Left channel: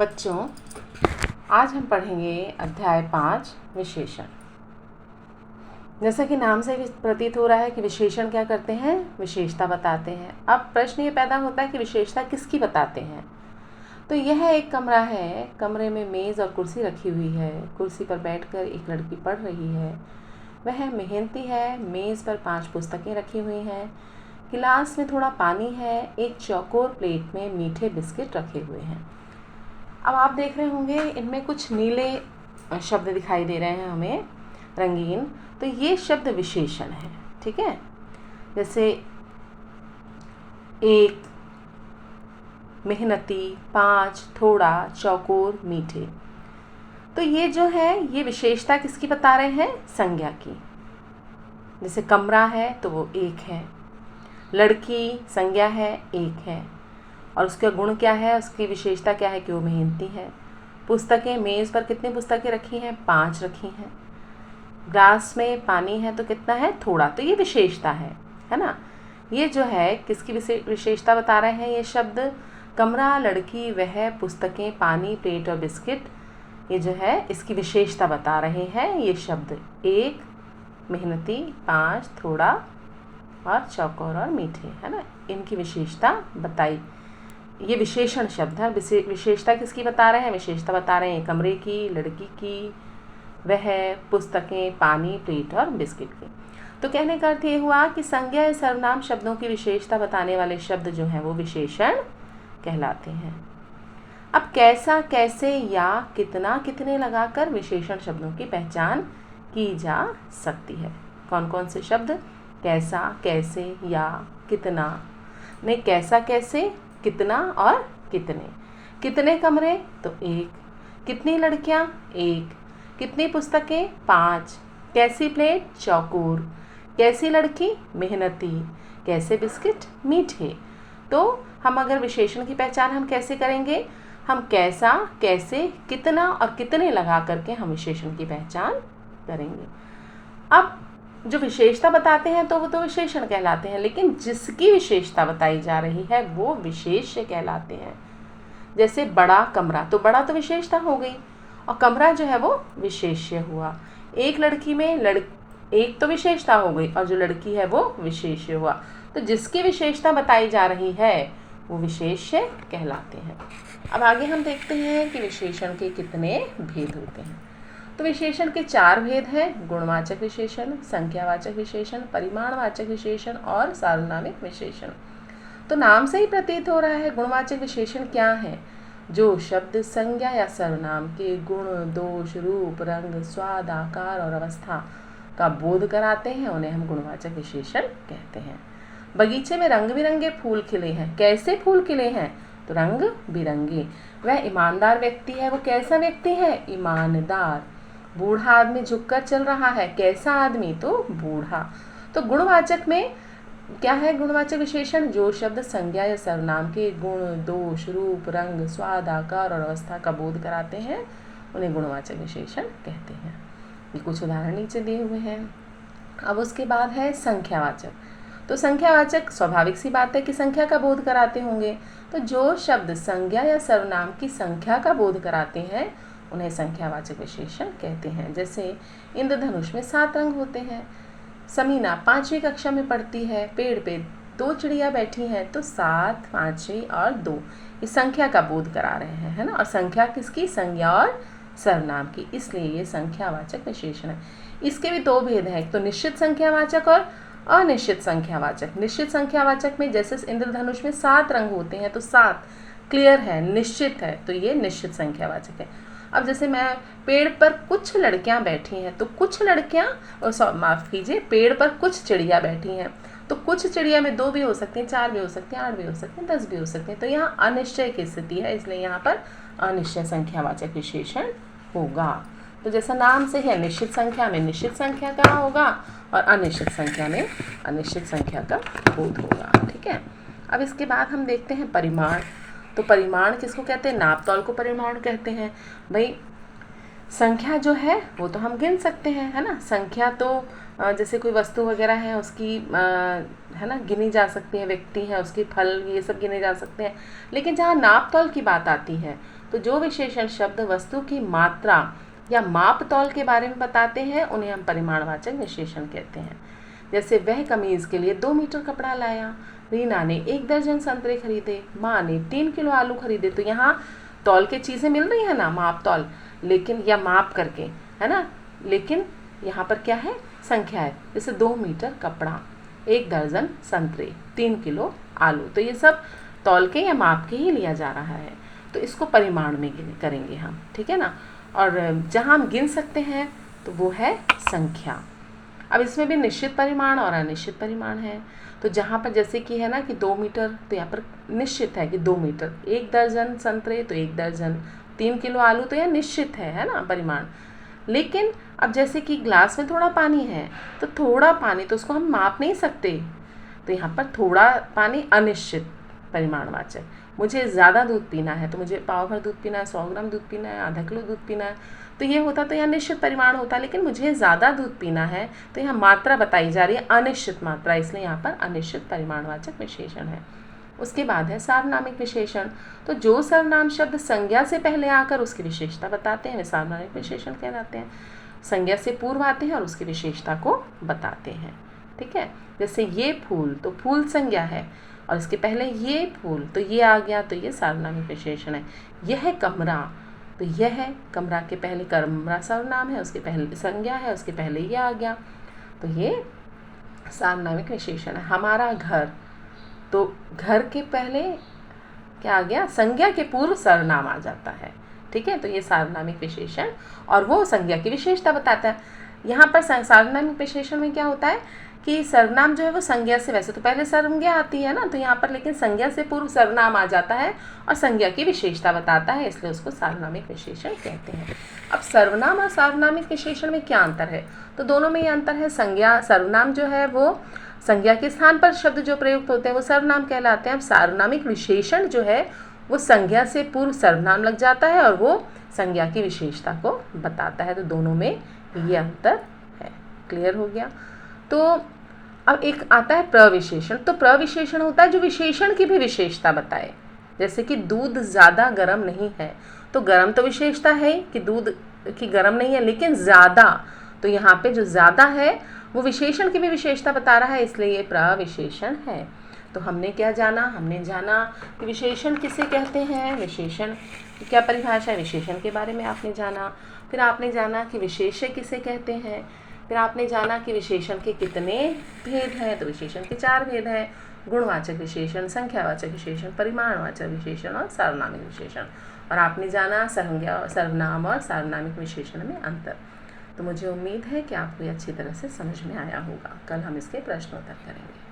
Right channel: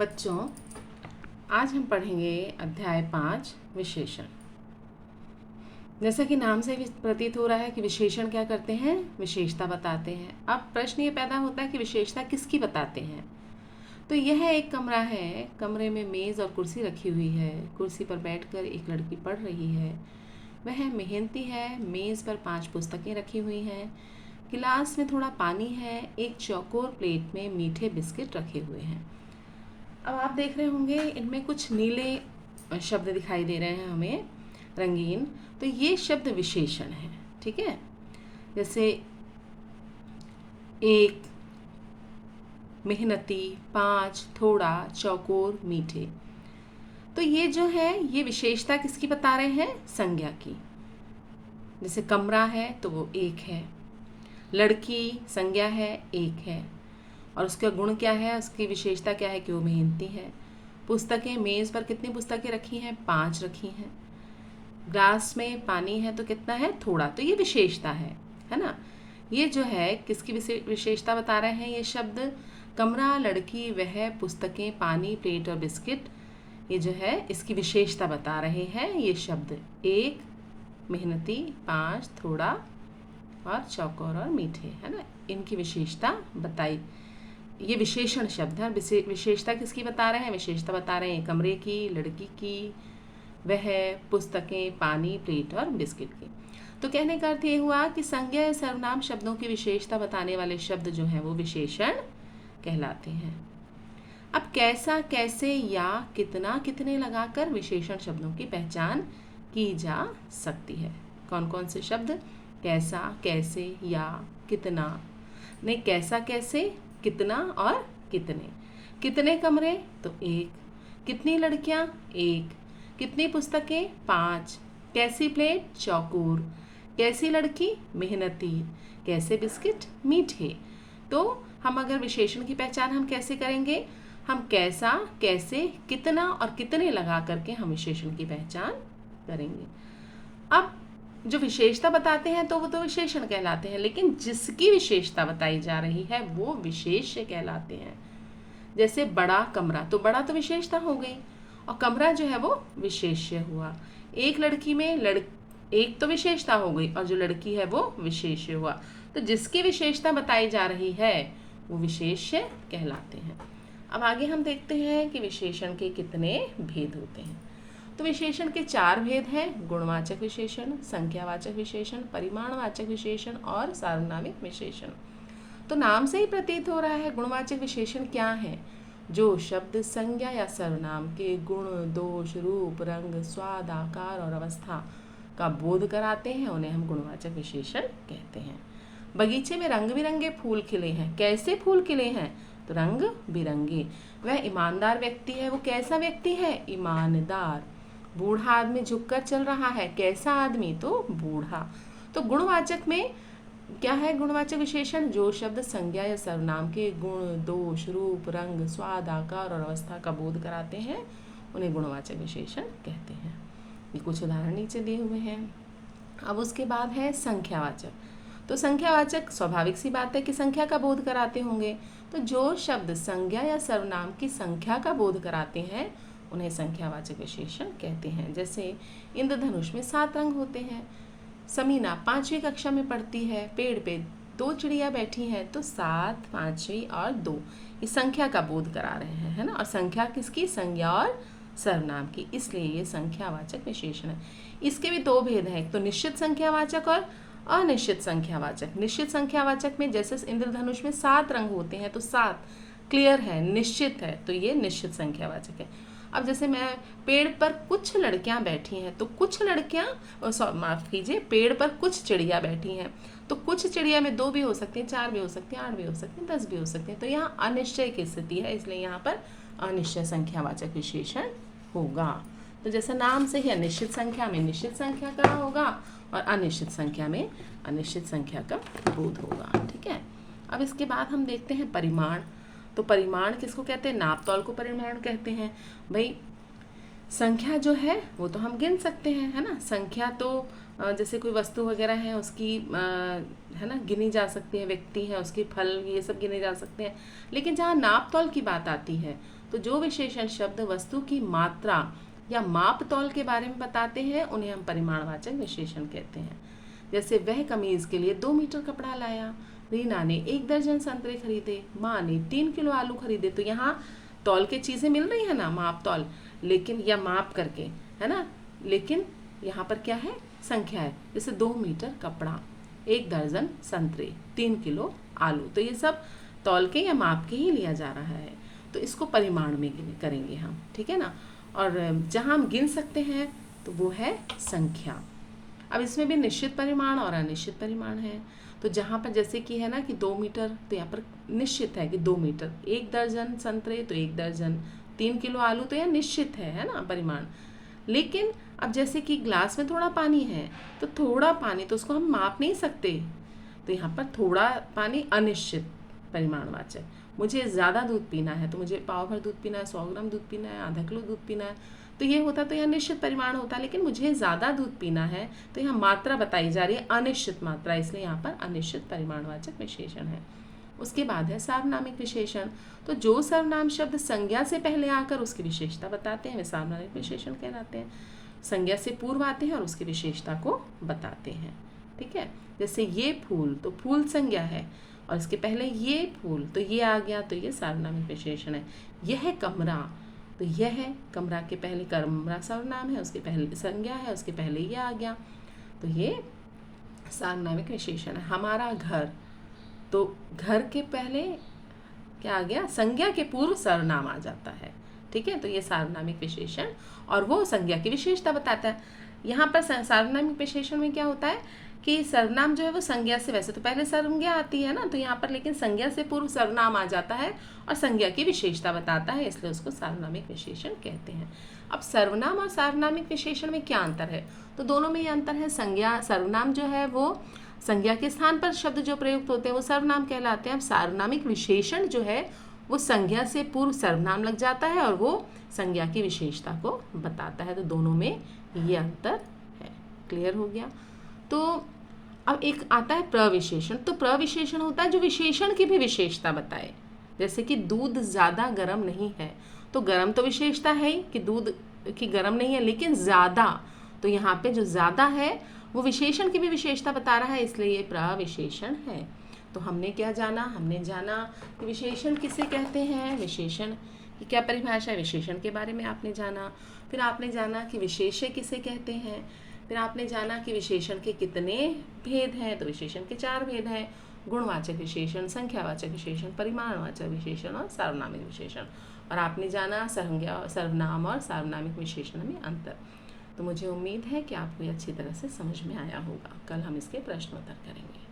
बच्चों, आज हम पढ़ेंगे अध्याय 5 विशेषण। जैसा कि नाम से प्रतीत हो रहा है कि विशेषण क्या करते हैं, विशेषता बताते हैं। अब प्रश्न ये पैदा होता है कि विशेषता किसकी बताते हैं। तो यह एक कमरा है, कमरे में मेज़ और कुर्सी रखी हुई है। कुर्सी पर बैठकर एक लड़की पढ़ रही है, वह मेहनती है। मेज़ पर 5 पुस्तकें रखी हुई हैं, गिलास में थोड़ा पानी है, एक चौकोर प्लेट में मीठे बिस्किट रखे हुए हैं। अब आप देख रहे होंगे इनमें कुछ नीले शब्द दिखाई दे रहे हैं हमें, रंगीन। तो ये शब्द विशेषण है, ठीक है। जैसे एक, मेहनती, 5, थोड़ा, चौकोर, मीठे। तो ये जो है ये विशेषता किसकी बता रहे हैं, संज्ञा की। जैसे कमरा है तो वो एक है, लड़की संज्ञा है, एक है, और उसका गुण क्या है, उसकी विशेषता क्या है कि वो मेहनती है। पुस्तकें, मेज़ पर कितनी पुस्तकें रखी हैं, 5 रखी हैं। ग्लास में पानी है तो कितना है, थोड़ा। तो ये विशेषता है ना। ये जो है किसकी विशेषता बता रहे हैं, ये शब्द कमरा, लड़की, वह, पुस्तकें, पानी, प्लेट और बिस्किट, ये जो है इसकी विशेषता बता रहे हैं। ये शब्द एक, मेहनती, 5, थोड़ा और चौकोर और मीठे, है ना, इनकी विशेषता बताई। ये विशेषण शब्द है। विशेषता किसकी बता रहे हैं, विशेषता बता रहे हैं कमरे की, लड़की की, वह, पुस्तकें, पानी, प्लेट और बिस्किट की। तो कहने का अर्थ ये हुआ कि संज्ञा या सर्वनाम शब्दों की विशेषता बताने वाले शब्द जो हैं वो विशेषण कहलाते हैं। अब कैसा, कैसे, या, कितना, कितने लगाकर विशेषण शब्दों की पहचान की जा सकती है। कौन कौन से शब्द, कैसा, कैसे, या, कितना। नहीं, कैसा, कैसे, कितना और कितने। कितने कमरे तो एक, कितनी लड़कियां, एक, कितनी पुस्तकें, 5, कैसी प्लेट, चौकोर, कैसी लड़की, मेहनती, कैसे बिस्किट, मीठे। तो हम अगर विशेषण की पहचान हम कैसे करेंगे, हम कैसा, कैसे, कितना और कितने लगा करके हम विशेषण की पहचान करेंगे। अब जो विशेषता बताते हैं तो वो तो विशेषण कहलाते हैं, लेकिन जिसकी विशेषता बताई जा रही है वो विशेष्य कहलाते हैं। जैसे बड़ा कमरा, तो बड़ा तो विशेषता हो गई और कमरा जो है वो विशेष्य हुआ। एक लड़की में एक तो विशेषता हो गई और जो लड़की है वो विशेष्य हुआ। तो जिसकी विशेषता बताई जा रही है वो विशेष्य कहलाते हैं। अब आगे हम देखते हैं कि विशेषण के कितने भेद होते हैं। तो विशेषण के 4 भेद हैं, गुणवाचक विशेषण, संख्यावाचक विशेषण, परिमाणवाचक विशेषण और सार्वनामिक विशेषण। तो नाम से ही प्रतीत हो रहा है गुणवाचक विशेषण क्या है, जो शब्द संज्ञा या सर्वनाम के गुण, दोष, रूप, रंग, स्वाद, आकार और अवस्था का बोध कराते हैं, उन्हें हम गुणवाचक विशेषण कहते हैं। बगीचे में रंग बिरंगे फूल खिले हैं, कैसे फूल खिले हैं, तो रंग बिरंगे। वह ईमानदार व्यक्ति है, वो कैसा व्यक्ति है, ईमानदार। बूढ़ा आदमी झुककर चल रहा है, कैसा आदमी, तो बूढ़ा। तो गुणवाचक में क्या है, गुणवाचक विशेषण, जो शब्द संज्ञा या सर्वनाम के गुण, दोष, रूप, रंग, स्वाद, आकार और अवस्था का बोध कराते हैं, उन्हें गुणवाचक विशेषण कहते हैं। ये कुछ उदाहरण नीचे दिए हुए हैं। अब उसके बाद है संख्यावाचक। तो संख्यावाचक स्वाभाविक सी बात है कि संख्या का बोध कराते होंगे। तो जो शब्द संज्ञा या सर्वनाम की संख्या का बोध कराते हैं उन्हें संख्यावाचक विशेषण कहते हैं। जैसे इंद्रधनुष में 7 रंग होते हैं। समीना 5वीं कक्षा में पढ़ती है, पेड़ पे 2 चिड़िया बैठी हैं, तो 7, 5वीं और 2 इस संख्या का बोध करा रहे हैं, है ना। और संख्या किसकी, संज्ञा और सर्वनाम की, इसलिए ये संख्यावाचक विशेषण है। इसके भी 2 भेद हैं, एक तो निश्चित संख्यावाचक और अनिश्चित संख्यावाचक। निश्चित संख्यावाचक में जैसे इंद्रधनुष में 7 रंग होते हैं तो 7 क्लियर है, निश्चित है, तो ये निश्चित संख्यावाचक है। अब जैसे मैं पेड़ पर कुछ लड़कियां बैठी हैं, तो कुछ लड़कियां, माफ कीजिए, पेड़ पर कुछ चिड़िया बैठी हैं, तो कुछ चिड़िया में 2 भी हो सकते हैं, 4 भी हो सकते हैं, 8 भी हो सकते हैं, 10 भी हो सकते हैं। तो यहाँ अनिश्चय की स्थिति है, इसलिए यहाँ पर अनिश्चय संख्यावाचक विशेषण होगा। तो जैसा नाम से है, निश्चित संख्या में निश्चित संख्या का होगा और अनिश्चित संख्या में अनिश्चित संख्या का बोध होगा, ठीक है। अब इसके बाद हम देखते हैं परिमाण। तो परिमाण किसको कहते हैं, नाप तौल को परिमाण कहते हैं। भाई संख्या जो है वो तो हम गिन सकते हैं, है ना। संख्या तो जैसे कोई वस्तु वगैरह है उसकी है ना गिनी जा सकती है, व्यक्ति है उसकी, फल, ये सब गिने जा सकते हैं। लेकिन जहाँ नाप तौल की बात आती है तो जो विशेषण शब्द वस्तु की मात्रा या माप तौल के बारे में बताते हैं उन्हें हम परिमाणवाचक विशेषण कहते हैं। जैसे वह कमीज के लिए 2 मीटर कपड़ा लाया, रीना ने 1 दर्जन संतरे खरीदे, माँ ने 3 किलो आलू खरीदे। तो यहाँ तौल के चीज़ें मिल रही है ना, माप तौल, लेकिन या माप करके, है ना, लेकिन यहाँ पर क्या है, संख्या है। जैसे 2 मीटर कपड़ा, 1 दर्जन संतरे, 3 किलो आलू, तो ये सब तौल के या माप के ही लिया जा रहा है, तो इसको परिमाण में करेंगे हम, ठीक है ना। और जहाँ हम गिन सकते हैं तो वो है संख्या। अब इसमें भी निश्चित परिमाण और अनिश्चित परिमाण है। तो जहाँ पर जैसे कि है ना कि 2 मीटर, तो यहाँ पर निश्चित है कि 2 मीटर, 1 दर्जन संतरे तो 1 दर्जन, 3 किलो आलू, तो यह निश्चित है ना परिमाण। लेकिन अब जैसे कि ग्लास में थोड़ा पानी है, तो थोड़ा पानी तो उसको हम माप नहीं सकते, तो यहाँ पर थोड़ा पानी अनिश्चित परिमाणवाचक। मुझे ज़्यादा दूध पीना है, तो मुझे पाव भर दूध पीना है, 100 ग्राम दूध पीना है, आधा किलो दूध पीना है, तो ये होता तो यहाँ निश्चित परिमाण होता, लेकिन मुझे ज़्यादा दूध पीना है, तो यहाँ मात्रा बताई जा रही है अनिश्चित मात्रा, इसलिए यहाँ पर अनिश्चित परिमाणवाचक विशेषण है। उसके बाद है सार्वनामिक विशेषण। तो जो सर्वनाम शब्द संज्ञा से पहले आकर उसकी विशेषता बताते हैं वे सार्वनामिक विशेषण कहलाते हैं। संज्ञा से पूर्व आते हैं और उसकी विशेषता को बताते हैं, ठीक है। जैसे ये फूल, तो फूल संज्ञा है, और इसके पहले ये फूल, तो ये आ गया, तो ये सार्वनामिक विशेषण है। यह कमरा, तो यह है, कमरा के पहले कमरा सर्वनाम है, उसके पहले संज्ञा है, उसके पहले ये आ गया, तो ये सार्वनामिक विशेषण है। हमारा घर, तो घर के पहले क्या आ गया, संज्ञा के पूर्व सर्वनाम आ जाता है, ठीक है। तो ये सार्वनामिक विशेषण, और वो संज्ञा की विशेषता बताता है। यहाँ पर सार्वनामिक विशेषण में क्या होता है कि सर्वनाम जो है वो संज्ञा से, वैसे तो पहले संज्ञा आती है ना, तो यहाँ पर लेकिन संज्ञा से पूर्व सर्वनाम आ जाता है और संज्ञा की विशेषता बताता है, इसलिए उसको सार्वनामिक विशेषण कहते हैं। अब सर्वनाम और सार्वनामिक विशेषण में क्या अंतर है, तो दोनों में ये अंतर है। संज्ञा, सर्वनाम जो है वो संज्ञा के स्थान पर शब्द जो प्रयुक्त होते हैं वो सर्वनाम कहलाते हैं। अब सार्वनामिक विशेषण जो है वो संज्ञा से पूर्व सर्वनाम लग जाता है और वो संज्ञा की विशेषता को बताता है, तो दोनों में ये अंतर है। क्लियर हो गया। तो अब एक आता है प्रविशेषण। तो प्रविशेषण होता है जो विशेषण की भी विशेषता बताए। जैसे कि दूध ज़्यादा गर्म नहीं है, तो गर्म तो विशेषता है कि दूध की गर्म नहीं है, लेकिन ज़्यादा, तो यहाँ पे जो ज़्यादा है वो विशेषण की भी विशेषता बता रहा है, इसलिए ये प्रविशेषण है। तो हमने क्या जाना, हमने जाना कि विशेषण किसे कहते हैं, विशेषण की क्या परिभाषा है, विशेषण के बारे में आपने जाना। फिर आपने जाना कि विशेष्य किसे कहते हैं। फिर आपने जाना कि विशेषण के कितने भेद हैं, तो विशेषण के 4 भेद हैं, गुणवाचक विशेषण, संख्यावाचक विशेषण, परिमाणवाचक विशेषण और सार्वनामिक विशेषण। और आपने जाना सर्वनाम और सार्वनामिक विशेषण में अंतर। तो मुझे उम्मीद है कि आपको ये अच्छी तरह से समझ में आया होगा। कल हम इसके प्रश्नोत्तर करेंगे।